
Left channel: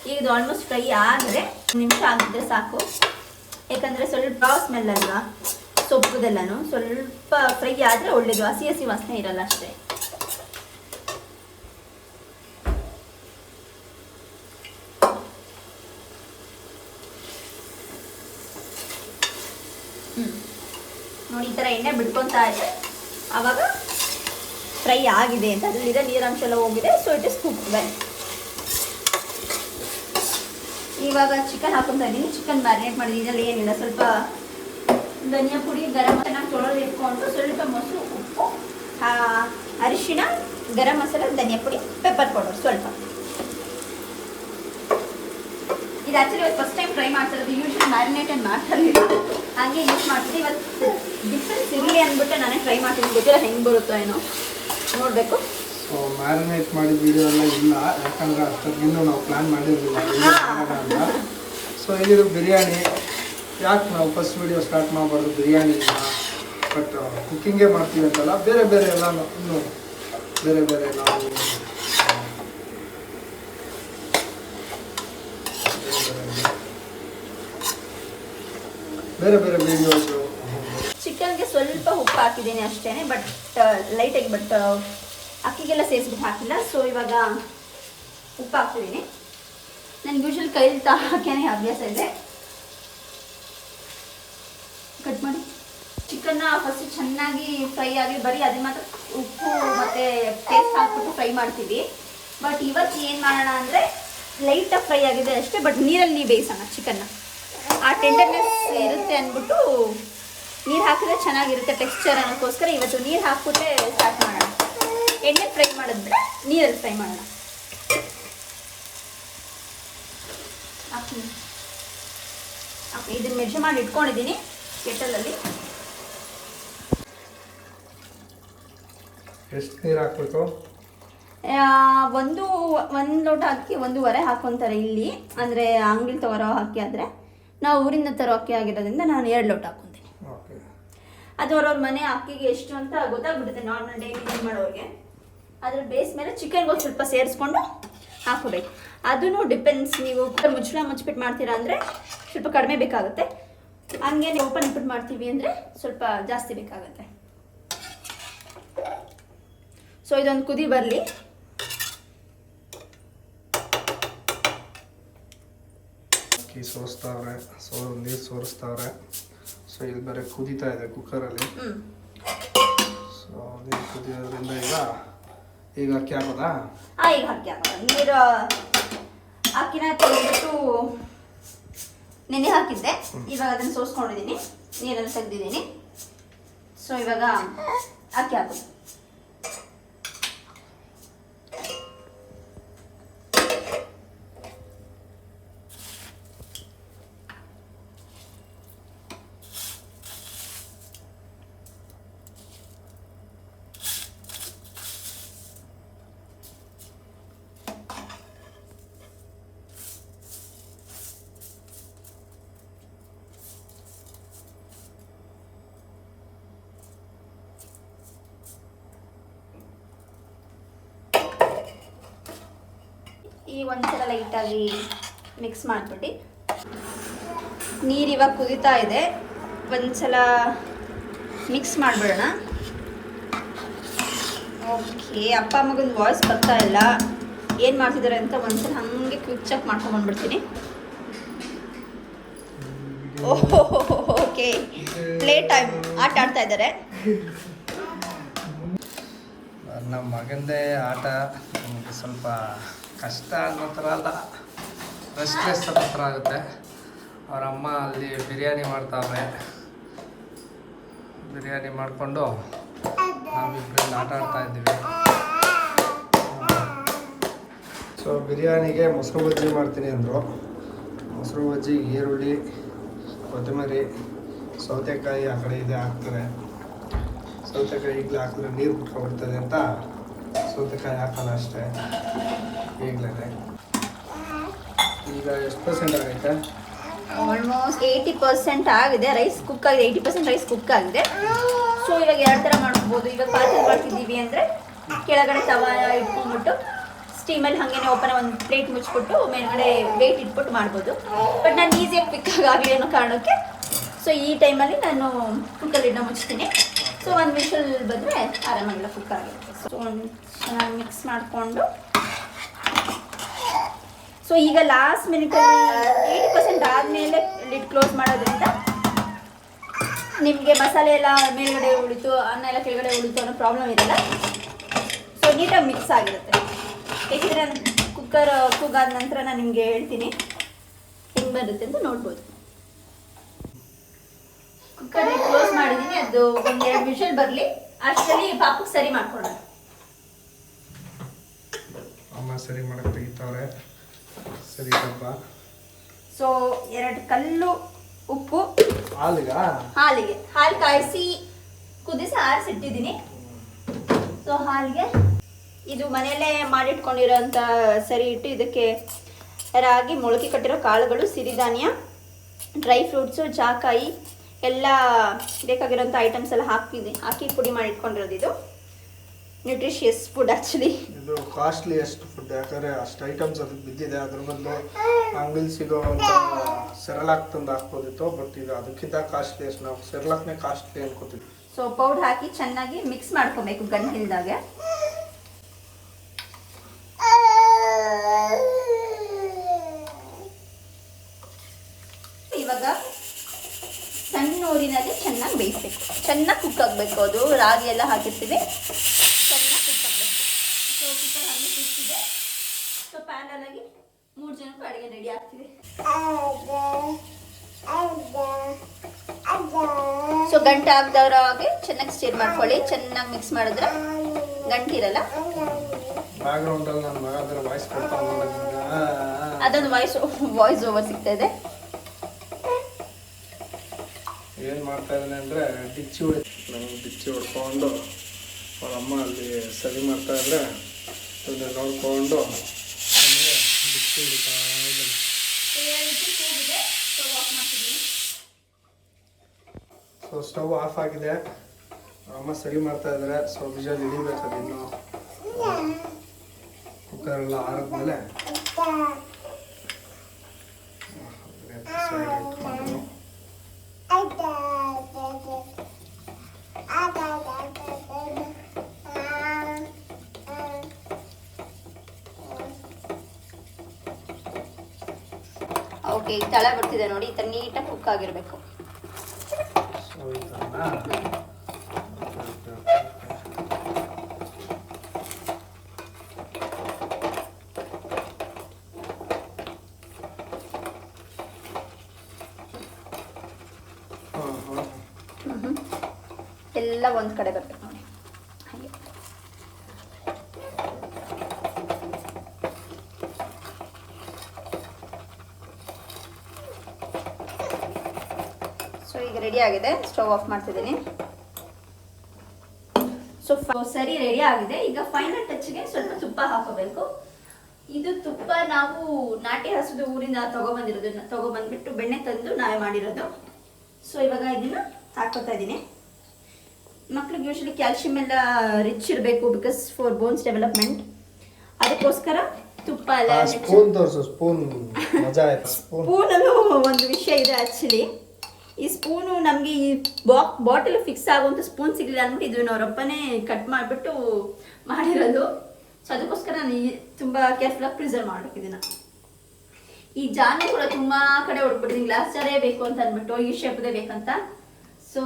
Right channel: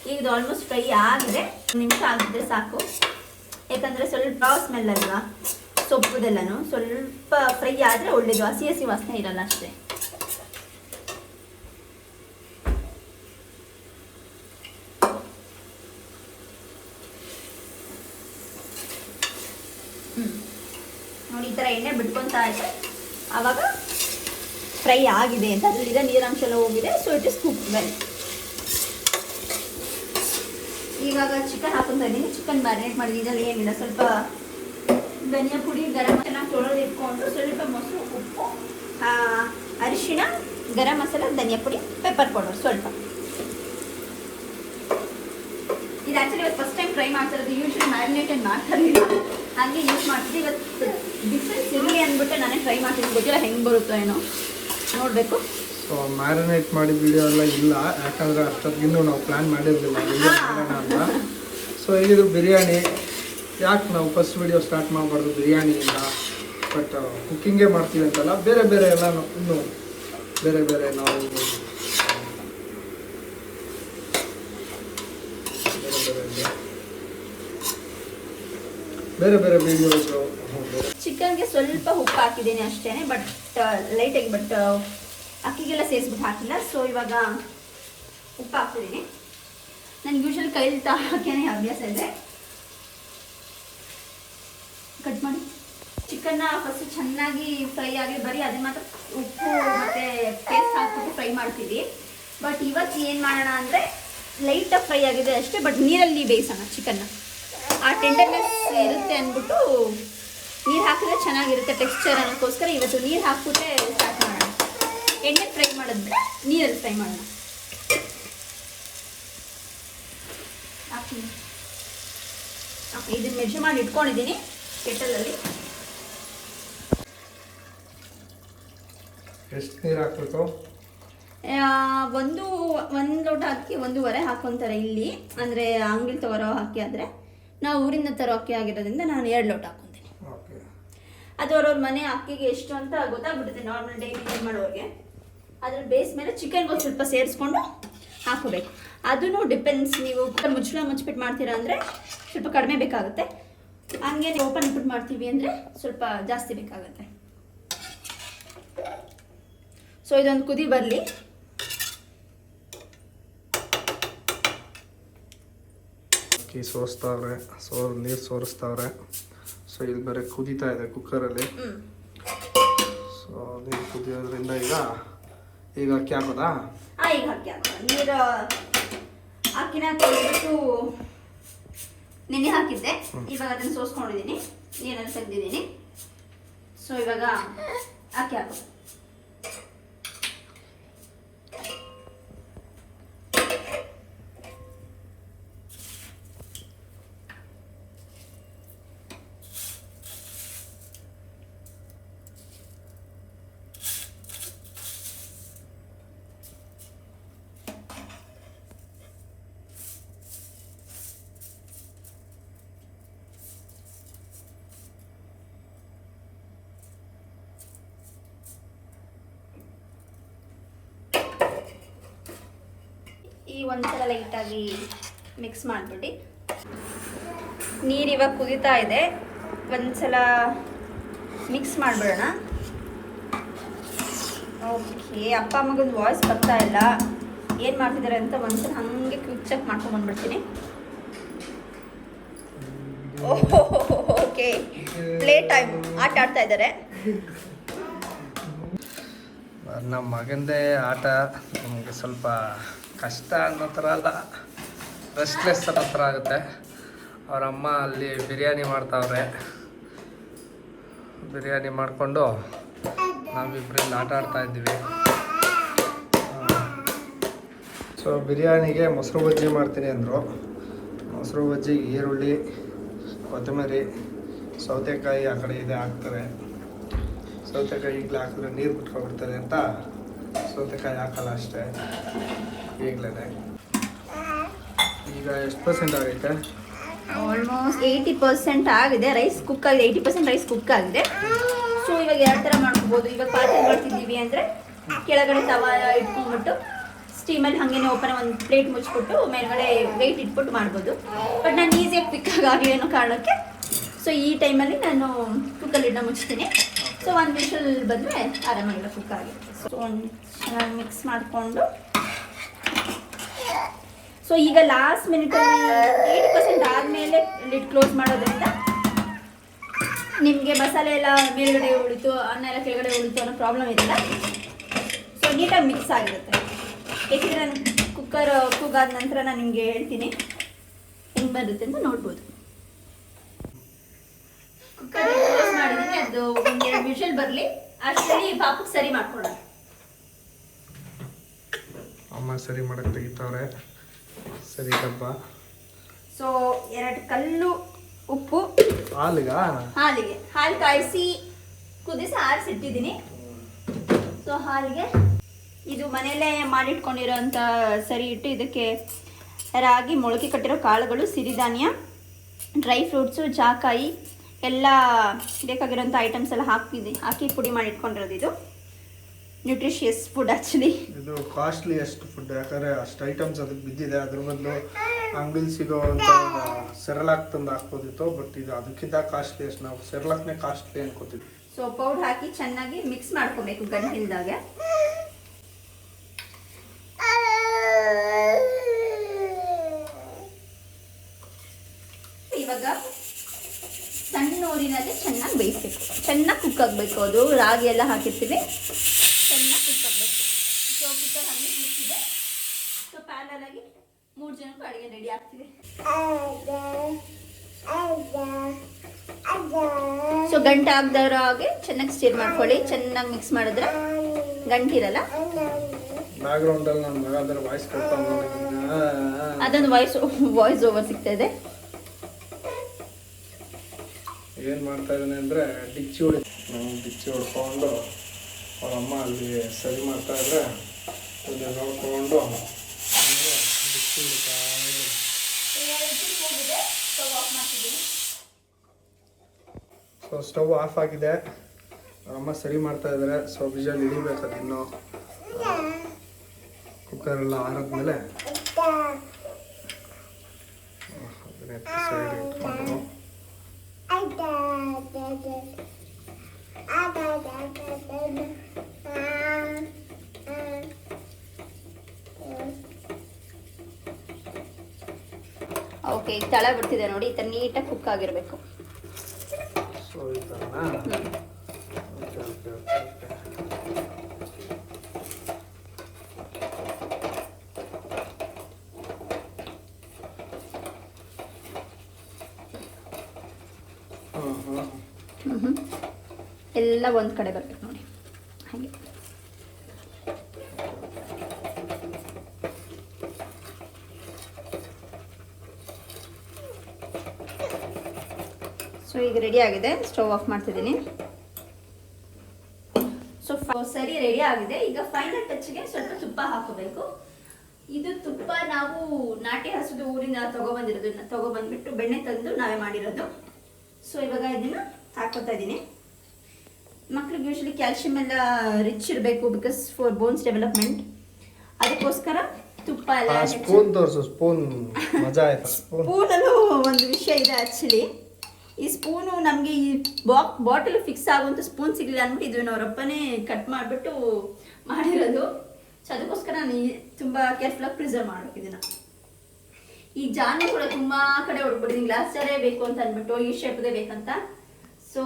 ಈಗ ಇದು ಆಲ್ಮೋಸ್ಟ್ ಫ್ರೈ ಆಗಿದೆ. 1 ನಿಮಿಷ ಆಗಿದ್ರೆ ಸಾಕು. ಯಾಕಂದರೆ ಸ್ವಲ್ಪ ಸ್ಮೆಲ್ ಅಲ್ವಾ ಸೊಪ್ಪುದೆಲ್ಲನೂ. ಸ್ವಲ್ಪ ಫ್ರೈ ಆದರೆ ಒಳ್ಳೇದು, ಹಸಿ ಹಸಿ ವಾಸನೆ ಇರಲ್ಲ ಅಷ್ಟೇ. ನೋಡಿ ಈ ಥರ ಎಣ್ಣೆ ಬಿಟ್ಕೊತಾ ಇದೆ, ಆವಾಗ ಫ್ರೈ ಆಗಿದೆ ಅಂತ, ಅದರಲ್ಲಿರೋ ನೀರಾಂಶ ಎಲ್ಲ ಹೋಗಿದೆ. So it is cook well. ಇವಾಗ ಚಿಕನ್ ಹಾಕೊತಾ ಇದ್ದೀನಿ. ಚಿಕನ್ ಮ್ಯಾರಿನೇಟ್ ಮಾಡಿದ್ದೀನಿ. ಇದರಲ್ಲಿ ಏನಿಲ್ಲ, ಸ್ವಲ್ಪ ಧನಿಯಾ ಪುಡಿ, ಗರಂ ಮಸಾಲ ತೊಳೆದು ಇಟ್ಕೊಂಡು, ಸ್ವಲ್ಪ ಮೊಸರು, ಉಪ್ಪು, ಅರಿಶಿಣ, ಗರಂ ಮಸಾಲ, ಧನಿಯಾ ಪುಡಿ, ಪೆಪ್ಪರ್ ಪೌಡರ್ ಸ್ವಲ್ಪ. ಇದು ಆ್ಯಕ್ಚುಲಿ ಇವತ್ತು ಫಸ್ಟ್ ಟೈಮ್ ಟ್ರೈ ಮಾಡ್ತಿರೋದು. ಯೂಶ್ವಲಿ ಮ್ಯಾರಿನೇಟೆಡ್ ಮಾಡ್ತಿರಲಿಲ್ಲ, ಹಾಗೆ ಯೂಸ್ ಮಾಡ್ತಿದ್ದೆ. ಇವತ್ತು ಡಿಫ್ರೆನ್ಸ್ ಇರಲಿ ಅಂದ್ಬಿಟ್ಟು ನಾನೇ ಟ್ರೈ ಮಾಡ್ತೀನಿ. ಗೊತ್ತಿಲ್ಲ ಹೆಂಗೆ ಬರುತ್ತೋ ಏನೋ, ನೋಡಬೇಕು. ಸೊ ಮ್ಯಾರಿನೇಟ್ ಮಾಡಿದ ವಿಡಿಯೋ ಎಲ್ಲ ಇಲ್ಲ, ಯಾಕಂದರೆ ಅಷ್ಟೊತ್ತಿಗಿನ್ನೂ ನಾವು ಪ್ಲ್ಯಾನ್ ಮಾಡಿರಲಿಲ್ಲ ವಿಡಿಯೋ ಮಾಡೋಣ ಅಂತ. ಸೊ ಇದು ಬಿರಿಯಾನಿ. ಯಾಕೆ ನಾವು ಫಸ್ಟ್ ವಿಡಿಯೋ ಸ್ಟಾರ್ಟ್ ಮಾಡಬಾರ್ದು ಬಿರಿಯಾನಿಯಿಂದ, ಬಟ್ ಕುಕ್ಕಿಂಗೇ ಮಾಡ್ತೀವಿ ಅಂತಲ್ಲ, ಬೇರೆ ಬೇರೆ ಎಲ್ಲನೂ ಇನ್ನೂ ಬೇರೆ ಬೇರೆ ನಾವು ಬೇರೆ ಬೇರೆ ವಿಡಿಯೋಸು. ಚಿಕನ್ಗೆ ಸ್ವಲ್ಪ ಉಪ್ಪು ಹಾಕಿದ್ದೀನಿ ಅಷ್ಟೇ, ಬಟ್ ಲೈಟಾಗಿ, ಬಟ್ ಅಕ್ಕಿಗೆಲ್ಲ ಸೇರಿಸ್ಬಿಟ್ಟು ಹಾಕಿಲ್ಲ. ಸೊ ಇವಾಗ ಉಪ್ಪು ಹಾಕ್ತಿದ್ದೀನಿ. ನನಗೆ ಯೂಶ್ವಲಿ ಕೈಲಿ ಹಾಕೇನೆ ಅಭ್ಯಾಸ ಇದೆ. ಕಟ್ ಮಾಡಿ ಚಿಕನ್ನ ಫಸ್ಟ್ ಚೆನ್ನಾಗಿ ಫ್ರೈ ಆಗಿ, ಬರೀ ಅದನ್ನ ಮಾತ್ರ ಉಪ್ಪು ಮತ್ತು ಪೇಸ್ಟ್ ಹಾಕ್ಬಿಟ್ಟು ಫ್ರೈ ಮಾಡ್ತೀವಿ. ಬಟ್ ಇವತ್ತು ಏನು ಮಾಡೋಣ ಅಂದರೆ ಲೈಟಾಗಿ ಫ್ರೈ ಆಗಿದೆ ಅಷ್ಟೇ, ಬಟ್ ನೀರಲ್ಲಿ ಬೇಯಿಸೋಣ ಚಿಕನ್ನ. ಆ ಟೆಂಡರ್ನೆಸ್ ಇರುತ್ತೆ ಅಂದ್ಬಿಟ್ಟು ನೀರು ಹಾಕಿದ್ರೆ ಚೆನ್ನಾಗಿರುತ್ತೆ ಟೆಕ್ಸ್ಚರ್ ಅನ್ನೋಕ್ಕೋಸ್ಕರ ಇವತ್ತು ನೀರು ಹಾಕ್ಬಿಟ್ಟೆ ಸ್ಟಾರ್ಟ್ ಮಾಡೋಣ. ಎಣ್ಣೆ ಫ್ರೈ ಮಾಡಿದ್ರೆ ನೀರಲ್ಲಿ ಫ್ರೈ ಮಾಡೋಣ. ಇದನ್ನ ಮೆಜರ್ ಮಾಡಿ ಇಟ್ಕೊಂಡಿದ್ದೀನಿ ಕೆಟಲಲ್ಲಿ. ಎಷ್ಟು ನೀರು ಹಾಕ್ಬೇಕು? ಒಂದು ಲೋಟ ಅಕ್ಕಿ 1.5 ಹಾಕ್ಕೊತಾರೆ ಇಲ್ಲಿ, ಅಂದರೆ ಅಂಗಡಿ ತಗೊಳ್ಳೋ ಅಕ್ಕಿ ಆದರೆ. ನಾವು ಊರಿಂದ ತರೋ ಅಕ್ಕಿ ಆಗಿರೋದ್ರಿಂದ ನಾನು 2 ಲೋಟ ಹಾಕ್ಕೊತೀನಿ. ಅದು ಅವ್ರವ್ರ ಮನೆ ಅಕ್ಕಿಗೆ ಎಷ್ಟು ಅಂತ ಗೊತ್ತಾಗ್ಬಿಡುತ್ತೆ ನಾರ್ಮಲ್ ಡೈಲಿ ಯೂಸ್ ಮಾಡೋರಿಗೆ. ಅದ್ರ ಬೇಸ್ ಮೇಲೆ ಚಿಕನ್ಗೆ ಸ್ವಲ್ಪ ಸೇರಿಸ್ಕೊಂಡು ಹಾಕೋಬೇಕು. ಅದೂ ಡಿಪೆಂಡ್ಸ್. ನೀವು ಕುಕ್ಕರ್ ಮುಚ್ಚಿಬಿಟ್ಟು ಮಾಡ್ತೀರಾ ಅಂದರೆ ಸ್ವಲ್ಪ ಕಡಿಮೆ ಬೇಕಾಗುತ್ತೆ. ಹಂಗೆ ಓಪನ್ ಇಟ್ಬಿಟ್ಟು ಮಾಡ್ತೀವಿ ಅಂದರೆ ಸ್ವಲ್ಪ ಜಾಸ್ತಿ ಬೇಕಾಗುತ್ತೆ. ಸೊ ಇದೊಂದು ಕುದಿ ಬರಲಿ. ಅಕ್ಕಿ ಸೋಸ್ತಾವ್ರೆ, ನೀರು ಸೋರಿಸ್ತಾವ್ರೆ. ಸೊ ಇಲ್ಲಿ ಬೇರೆ ಕುದೀತಾ ಇದೆ ಕುಕ್ಕರಲ್ಲಿ. ಸೊ ನೀರು ಕುದಿಯೋದ್ರಿಂದ ಈಗ ಅಕ್ಕಿ ಹಾಕೋದಾ? ಈಗ ಅಕ್ಕಿ ಹಾಕೋದು. ನೀರು ಅಕ್ಕಿನ ತೊಳೆದ್ಬಿಟ್ಟು ನೆನೆ ಹಾಕಿದ್ದೆ. ಇವಾಗ ಅದನ್ನು ಸೋಸ್ಕೊಂಡಿದ್ದೀನಿ, ನೀರನ್ನು ತೆಗೆದಿದ್ದೀನಿ. ಸೊ ಇವಾಗ ಅಕ್ಕಿ ಹಾಕೋದು. ಈ ಒಂದ್ಸಲ ಲೈಟಾಗಿ ಮಿಕ್ಸ್ ಮಾಡಿಬಿಟ್ಟು ನೀರು ಇವಾಗ ಕುದೀತಾ ಇದೆ. ಒಂದ್ಸಲ ಮಿಕ್ಸ್ ಮಾಡಿಬಿಡೋಣ. ಓಕೆ, ಅಪ್ಪ ಮಗನ ವಾಯ್ಸ್ ಬರ್ತಾ ಇಲ್ಲ, ಏನು ಮಾಡ್ತಿದ್ದಾರೆ ಅಂತ ಒಂದ್ಸಲ ಹಾಗೆ ಕ್ವಿಕ್ ಚೆಕ್ ಮಾಡ್ಕೊಂಡ್ಬಂದ್ಬಿಡ್ತೀನಿ. ಓಕೆ, ಪ್ಲೇ ಟೈಮ್ ಆಟ ಆಡ್ತಾ ಇದ್ದಾರೆ. ನಮ್ಮ ಮಗಂದೇ ಆಟ ನಮಗೆ ಸ್ವಲ್ಪ ಕಷ್ಟ ಅನ್ನೋ ಥರ ಅಲ್ಲ, ರೆಸ್ಟ್ಲೆಸ್ ಅನ್ನೋ ಥರ ಆಗುತ್ತೆ. ಅವ್ರ ಅಮ್ಮ ಅಲ್ಲಿ ಬಿರಿಯಾನಿ ಮಾಡ್ತಾವ್ರೆ. ಬಿರಿಯಾನಿ ಮಾಡಿಕೊಂಡು ನಾವಿಬ್ಬರಲ್ಲಿ ಆಟ ಆಡ್ತಾ ಇದ್ದೀವಿ. ಸೊ ಬಿರಿಯಾನಿಗೆ ಮೊಸರು ಬಜ್ಜಿ ಮಾಡ್ತೀನಿ ಅಂದರು. ಮೊಸರು ಬಜ್ಜಿಗೆ ಈರುಳ್ಳಿ, ಕೊತ್ತಂಬರಿ, ಸೌತೆಕಾಯಿ ಆ ಕಡೆ ಇದೆ ಹಾಕ್ತಾರೆ. ಸೌತೆಕಾಯಿ ಈಗಲೇ ಹಾಕಿದ್ರೆ ನೀರು ಬಿಟ್ಕೊಬಿಡ್ತದೆ ಅಂತ ಸೌತೆಕಾಯಿ ಹಾಕಲ್ಲ ಅಷ್ಟೇ ಈಗಲೇ. ಈಗ ಎಷ್ಟು % ಆಗೈತೆ? ಆಲ್ಮೋಸ್ಟ್ 80% ಆಗಿದೆ. ರೈಸ್ ಕುಕ್ ಆಗಿದೆ, 80% ರೈಸ್ ಕುಕ್ ಆಗಿದೆ. ಸೊ ಇವಾಗ 2 ಥರ ಮಾಡ್ಕೋಬೋದು. ಇವಾಗ ಪಾತ್ರೆ ಮಾಡ್ತಿದ್ದೀವಿ ಅಂದರೆ ಕೆಳಗಡೆ ತವಾ ಇಟ್ಕೊಂಡ್ಬಿಟ್ಟು ಸ್ಟೀಮಲ್ಲಿ ಹಾಗೇನೆ ಓಪನ್ ಒಂದು ಪ್ಲೇಟ್ ಮುಚ್ಚಿಬಿಟ್ಟು ಮೇಲ್ಗಡೆ ವೆಯ್ಟ್ ಇಟ್ಬಿಟ್ಟು ಮಾಡ್ಬೋದು. ಬಟ್ ನಾನು ಈಸಿಯಾಗಿ ಕ್ವಿಕ್ಕಾಗಿ ಆಗಲಿ ಅನ್ನೋ ಕಾರಣಕ್ಕೆ ಸೊ ಈ ಟೈಮಲ್ಲಿ ನಾನು ಕುಕ್ಕಲ್ಲಿಡ್ನ ಮುಚ್ತೀನಿ. ಸೊ ಒಂದು ವಿಷಲ್ ಬಂದರೆ ಆರಾಮಾಗಿಲ್ಲ ಕುಕ್ ಆಗುತ್ತೆ. ಸೊ ಒಂದು ಚೆನ್ನಾಗಿ ಮಿಕ್ಸ್ ಮಾಡಿಕೊಂಡು ಸೊ ಈಗ ಲಾಸ್ಟ್ ಮಿನಿಟಲ್ಲಿ 80% ಆದಮೇಲೆ ಲಿಡ್ ಕ್ಲೋಸ್ ಮಾಡೋದ್ರಿಂದ ನಿಮಗೆ ಮಸಾಲೆ ಎಲ್ಲ ಮೇಲ್ಗಡೆ ಉಳಿತು, ಅನ್ನ ಎಲ್ಲ ಕೆಳಗಡೆ ಉಳಿತು ಅನ್ನೋ ಪ್ರಾಬ್ಲಮ್ ಇರಲ್ಲ. ಸೊ ನೀಟಾಗಿ ಮಿಕ್ಸ್ ಆಗಿರುತ್ತೆ. ಬೇಕಿದ್ರೆ ಕುಕ್ಕರ್ ಕೂಗಾದ ನಂತರ ನಾನು ನಿಮಗೆ ಹೇಳ್ತೀನಿ ಹೆಂಗೆ ಬರುತ್ತೆ ಅಂತ ನೋಡ್ಬೋದು. ಕುಕ್ಕರ್ ಕ್ಲೋಸ್ ಮಾಡಿದ್ದೀನಿ, ಅದು ಒಂದೆರಡು ವಿಷಲ್ ಬರಲಿ, ಅಷ್ಟರಲ್ಲಿ ಪಾಪಕ್ಕೆ ಸರಿ ಮಾಡ್ಕೊಳ್ಳೋಣ. ಅಮ್ಮ ಸರಿ ಮಾಡಕ್ಕೆ ತೆಗಿತಾವ್ರೆ. ಸರಿ ಡಬ್ಬ. ಸೊ 2 ಕಲ್ಲು ಉಪ್ಪು ಹಾಲಿಗೆ ಹಾಲು ಕಾಯಿಸಿ ಕುದಿಸಿ ಆರಿಸಿಟ್ಟಿದ್ದೀನಿ. ಸೊ ಹಾಲಿಗೆ ಇದು ಮನೆಯಲ್ಲೇ ಮಾಡಿಟ್ಕೊಂಡಿರೋಂಥ ಸರಿ ಇಟ್ಟು ಇದಕ್ಕೆ ರಾಗಿ, ಮೊಳಕೆ ಕಟ್ಟಿರೋ ಕಾಳುಗಳು, ಸಿರಿಧಾನ್ಯ, ಡ್ರೈ ಫ್ರೂಟ್ಸು, ಜಾಕಾಯಿ ಎಲ್ಲ ಬೇಕಾಗಿರೋಂಥ ಐಟಮ್ಸ್ ಎಲ್ಲ ಹಾಕಿ ಪುಡಿ ಮಾಡಿಟ್ಕೊಂಡಿರೋದು. ಇದು ನ್ಯೂಟ್ರಿಷಿಯಸ್ ಫುಡ್ ಆ್ಯಕ್ಚುಲಿ. ಇದು ಕಾಸ್ಟ್ಲಿಯೆಸ್ಟ್ ಫುಡ್, ಯಾಕಂದರೆ ಅಷ್ಟು ಐಟಮ್ಸ್ ಅದಕ್ಕೆ ಬಿದ್ದಿದೆ. ಅದ್ರ ಬದಲು ಅಂಗಡಿಲಿ ಸಿಗೋವಂಥ ಸೆರಲಾಕ್ ತಂದು ಹಾಕ್ಬೋದಿತ್ತು, ಬಟ್ ಇದು ಅದಕ್ಕಿಂತ ಕಾಸ್ಟ್ಲಿಯೆಸ್ಟ್. ನಾವು ಸೆರಲಾಕ್ನೇ ಕಾಸ್ಟ್ಲಿ ಅನ್ಕೋತೀವಿ. ಸೊ ಪೌಡರ್ ಹಾಕಿ ಚೆನ್ನಾಗಿ ಮಿಕ್ಸ್ ಮಾಡ್ಕೊಬೇಕು ಗಂಟಿಲ್ದಾಗ. ಇವಾಗ ಸಣ್ಣ ಊರಿನಲ್ಲಿ ಚೆನ್ನಾಗಿ ಬೇಯಿಸ್ಬೇಕು, ಚೆನ್ನಾಗಿ ಕುಕ್ ಆಗಬೇಕು. ಅದು ರಾಗಿ ಎಲ್ಲ ಹಾಕಿರ್ತೀವಿ, ಚೆನ್ನಾಗಿ ಕುಕ್ ಆಗಬೇಕು. ಸೊ ಕುಕ್ಕರ್ ಹಂಗೆ ಕುಕ್ಕಿದೆ. ಸೊ ಪ್ಯಾನಲಾಗಿ 3 ಜನಕ್ಕೂ ಅಡುಗೆ ರೆಡಿ ಆಗ್ತಿದೆ. ಸೊ ಗಂಟೆ ಆಗದವ್ರ ಹಾಗೆ ಚೆನ್ನಾಗಿ ಸ್ಟೀರ್ ಮಾಡ್ಕೊಳ್ಳಿ. ಚೆನ್ನಾಗಿ ಮಿಕ್ಸ್ ಮಾಡಿದ್ರೆ ಗಂಟಿರಲ್ಲ. ಬ್ಯಾಕ್ಗ್ರೌಂಡ್ ಅಲ್ಲಿ ನನ್ನ ಮಗ ಅದರ ವಾಯ್ಸ್ ಕೊಡ್ತಾನೆ, ಅದೊಂದು ವಾಯ್ಸ್ ಓವರ್ ಸಿಗ್ತಾ ಇದೆ. ಏನು ಮಾಡ್ತಾ ಇದ್ದಾನೆ ಅಂದರೆ ಡಿಚ್ಚಿ ಹೊಡ್ಕೊಂಡು ಅವ್ರ ಅಮ್ಮ ಅಲ್ಲಿ ಸರಿ ಮಾಡ್ತಾ ಇದ್ರೆ ನೋಡ್ಕೊಂಡು ನನಗೆ ಡಿಚ್ಚಿ ಹೊಡಿತಾ ಇದ್ದಾನೆ. ಸೊ ಸ್ಟವ್ ಆಫ್ ಆಗಿದೆ, ಅವ್ರಮ್ಮ ಸರಿ ಮಾಡ್ತಾ ಇದ್ದಾರೆ. ಸೊ ವಿಜಲ್ ಹಿಡಿಬೇಕದು ಇನ್ನು. ಕುಕ್ಕರ್ ಎಲ್ಲ ಆರಿದ್ಮೇಲೆ ಸೈಡ್ ಇಟ್ಕೊಂಡು ಓಕೆ, ತಳ ಬರ್ತಿದೆ ನೋಡಿ. ಈ ಥರ ನೀಟಾಗಿ ಕುಕ್ ಆಗಿರಬೇಕು. ಸೊ ಈ ಥರನಾ? ಎಲ್ಲ ಒಂದು ಕಡೆ ಬರ್ಬೇಕು ನೋಡಿ ಹಾಗೆ. ಸೊ ಈಗ ರೆಡಿ ಆಗಿದೆ, ಸ್ಟವ್ ಆಫ್ ಮಾಡ್ತಿದ್ದೀನಿ. ಸೊ ಸರಿ ರೆಡಿ ಆಗಿದೆ. ಈಗ ಫೈನಲ್ ಟಚ್ಗೆ ಸ್ವಲ್ಪ ತುಪ್ಪ ಹಾಕೋಬೇಕು. ಇದು ತುಪ್ಪ ನಾವು ನಾಟಿ ಹಸುದು ಊರಿಂದ ತಗೊಬಂದ್ಬಿಟ್ಟು ಬೆಣ್ಣೆ ತಂದು ನಾವೇ ಮಾಡಿರೋದು. ಸೊ ಇವಾಗ ಇದನ್ನ ಹಾಕೋತಾ ಇದ್ದೀನಿ. ಮಕ್ಳಿಗೆ ಯೂಶಲಿ ಕ್ಯಾಲ್ಶಿಯಂ ಎಲ್ಲ ರಿಚ್ ಇರಬೇಕು, ಬಿಕಾಸ್ ಫಾರ್ ಬೋನ್ಸ್ ಡೆವಲಪ್ಮೆಂಟ್. ಅದಕ್ಕೋಸ್ಕರ ತುಪ್ಪ ಎಲ್ಲ. ಸ್ಪೂನಲ್ಲೂ ಒಂದು ವಿಷಯ ಇದೆ ಆ್ಯಕ್ಚುಲಿ. ಈ ಸ್ಪೂನು ನಮಗೆ ಈ ಬಾಟಲ್ ಫಿಕ್ಸ್ ಆಗುವಂಥ ಸ್ಪೂನ್ ಸಿಗಲಿಲ್ಲ ಅಂದ್ಬಿಟ್ಟು ಇದು ಅವರಪ್ಪನೇ ಕಟ್ ಮಾಡಿಬಿಟ್ಟು ಮಾಡಿರೋದು. ಸೊ ಅದಕ್ಕೋಸ್ಕರ ನಾನು ತುಂಬ ಕೇರ್ಫುಲ್ಲಾಗಿ ಪ್ರಿಸರ್ವ್ ಮಾಡಬೇಕು ಇದನ್ನು. ಈ ಜಾನು ಕೂಡ ತುಂಬ ಕಡೆ ಹೊಡ್ಬಿಟ್ಟಿದ್ದೀನಿ, ಗ್ಲಾಸ್ ಜಾರೇ ಬೇಕು ಅಂತ ಅಂದ್ಬಿಟ್ಟು, ಈ ಶೇಪ್ದೇ ಬೇಕಂತ. ಸೊ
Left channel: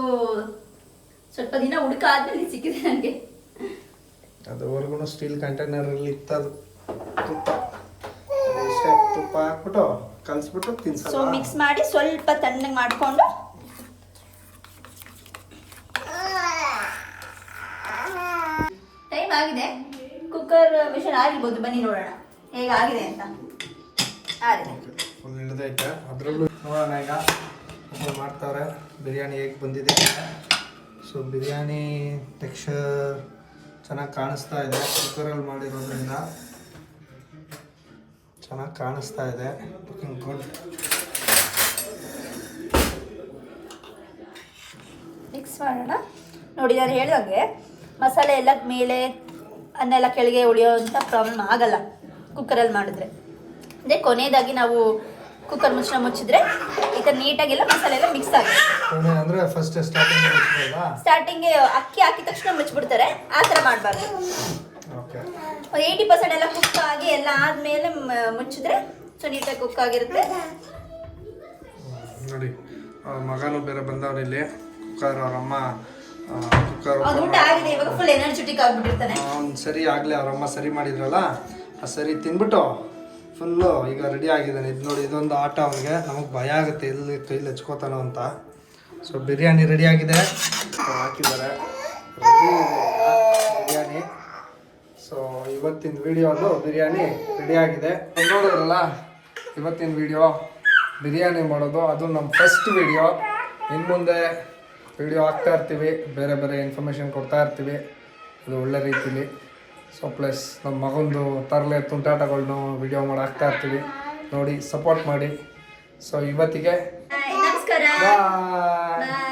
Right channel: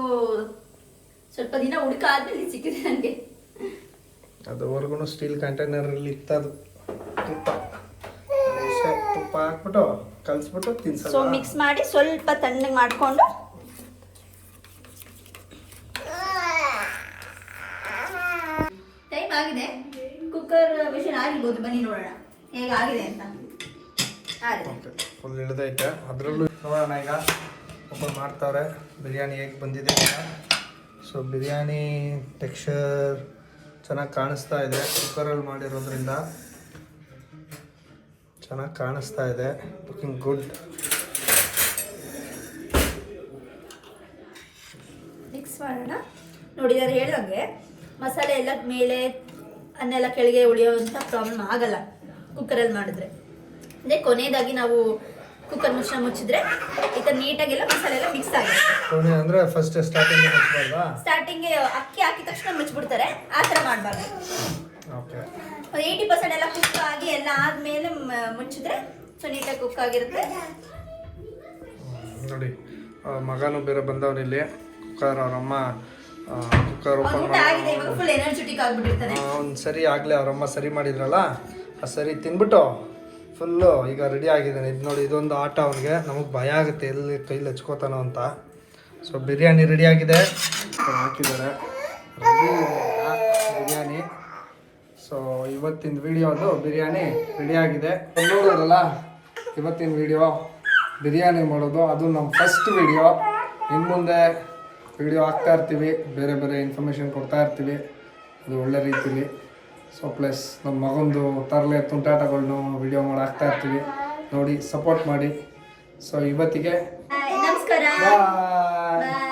ಸ್ವಲ್ಪ ದಿನ ಹುಡುಕಾದ್ಮೇಲೆ ಇದು ಸಿಕ್ಕಿದೆ ನನಗೆ. ಅದುವರೆಗೂ ಸ್ಟೀಲ್ ಕಂಟೈನರಲ್ಲಿ ಇತ್ತದು ತುಪ್ಪ. ಇಷ್ಟೇ ತುಪ್ಪ ಹಾಕ್ಬಿಟ್ಟು ಕಲಿಸ್ಬಿಟ್ಟು ತಿನ್ಸಲ್ಲ. ಸೊ ಮಿಕ್ಸ್ ಮಾಡಿ ಸ್ವಲ್ಪ ತಣ್ಣಗೆ ಮಾಡಿಕೊಂಡು ಟೈಮ್ ಆಗಿದೆ. ಕುಕ್ಕರ್ ವಿಷಲ್ ಆಗಿರ್ಬೋದು, ಬನ್ನಿ ನೋಡೋಣ ಹೇಗಾಗಿದೆ ಅಂತ. ಫುಲ್ ಇಳಿದೈತೆ. ಅದರಲ್ಲೂ ನೋಡೋಣ ಈಗ ಓಪನ್ ಮಾಡ್ತಾವ್ರೆ ಬಿರಿಯಾನಿ ಹೇಗೆ ಬಂದಿದೆ. ಸೊ ಬಿರಿಯಾನಿ ಟೆಕ್ಸ್ಚರ್ ಚೆನ್ನಾಗಿ ಕಾಣಿಸ್ತಾ ಇದೆ, ಕುಕ್ಕರಲ್ಲಿ ಮಾಡಿರೋದ್ರಿಂದ ಚೆನ್ನಾಗಿ ಕಾಣಿಸ್ತಾ ಇದೆ. Looking good. ಮಿಕ್ಸ್ ಮಾಡೋಣ ನೋಡಿ. ನಾನು ಹೇಳ್ದಂಗೆ ಮಸಾಲೆ ಎಲ್ಲ ಮೇಲೆ, ಅನ್ನ ಎಲ್ಲ ಕೆಳಗೆ ಉಳಿಯೋವಂಥ ಪ್ರಾಬ್ಲಮ್ ಆಗಲ್ಲ ಕುಕ್ಕರಲ್ಲಿ ಮಾಡಿದ್ರೆ. ಅದೇ ಕೊನೆಯದಾಗಿ ನಾವು ಕುಕ್ಕರ್ ಮುಚ್ಚಿದ್ರೆ ಈ ಥರ ನೀಟಾಗೆಲ್ಲ ಮಸಾಲೆ ಎಲ್ಲ ಮಿಕ್ಸ್ ಆಗುತ್ತೆ. ಅಂದರೆ ಫಸ್ಟ್ ಸ್ಟಾರ್ಟಿಂಗ್ಗೆ ಅಕ್ಕಿ ಹಾಕಿದ ತಕ್ಷಣ ಮುಚ್ಚಿಬಿಡ್ತಾರೆ, ಆ ಥರ ಮಾಡಬಾರ್ದು. ಓಕೆ, 80% ಎಲ್ಲ ಕುಕ್ ಆಗಿ ಎಲ್ಲ ಆದಮೇಲೆ ಮುಚ್ಚಿದ್ರೆ ಸೊ ನೀಟಾಗಿ ಕುಕ್ ಆಗಿರುತ್ತೆ ನೋಡಿ. ಮಗನೂ ಬೇರೆ ಬಂದವನಿಲ್ಲಿ ಕುಕ್ಕರ್ ಅವರಮ್ಮ ಕುಕ್ಕರ್ ಅವ್ನು ಓಪನ್ ಊಟ ಆಗಿದೆ, ಇವಾಗ ಫುಲ್ ಎನರ್ಜೆಟಿಕ್ ಆಗ್ಬಿಟ್ಟಿರ್ತಾನೆ. ಅವ್ನು ಸರಿ ಆಗಲೇ ಅವರಮ್ಮ ಸರಿ ಮಾಡಿದ್ರಲ್ಲ ಆ ಸರಿ ತಿನ್ಬಿಟ್ಟು ಫುಲ್ಲು ಈಗ ರೆಡಿ ಆಗಿದ್ದಾನೆ. ಇದು ನೋಡಿ, ಇದೊಂದು ಆಟ ಅವನಿಗೆ. ನಮಗೆ ಭಯ ಆಗುತ್ತೆ ಎಲ್ಲಿ ಕೈಲಿ ಹಚ್ಕೋತಾನೋ ಅಂತ. ಸೊ ಬಿರಿಯಾನಿ ರೆಡಿ ಆಗಿದೆ, ಹಾಕಿದ್ದಾರೆ ಬಿರಿಯಾನಿ. ಸೊ ಇವತ್ತಿನ ವಿಡಿಯೋ ಅದು ಬಿರಿಯಾನಿ ರೆಡಿ ಆಗಿದೆ. ನೋಡೋರಲ್ಲ, ಇವತ್ತಿನ ವಿಡಿಯೋ ಬಿರಿಯಾನಿ ಮಾಡೋದು, ಅದು ನಮ್ಮ ಫಸ್ಟ್ ವಿಡಿಯೋ. ಇನ್ನು ಮುಂದೆ ವಿಡಿಯೋ ಹಾಕ್ತಾ ಇರ್ತೀವಿ, ಬೇರೆ ಬೇರೆ ಇನ್ಫಾರ್ಮೇಷನ್ ಕೊಡ್ತಾ ಇರ್ತೀವಿ, ಅದು ಒಳ್ಳೆ ರೀತಿಲಿ. ಸೊ ಪ್ಲಸ್ ನಮ್ಮ ಮಗಂದು ತರಲೆ ತುಂಟಾಟಗಳನ್ನೂ ವಿಡಿಯೋ ಮಾಡಿ ಹಾಕ್ತಾ ಇರ್ತೀವಿ, ನೋಡಿ ಸಪೋರ್ಟ್ ಮಾಡಿ. ಸೊ ಇವತ್ತಿಗೆ ನಮಸ್ಕಾರ. ಬಾಯ್.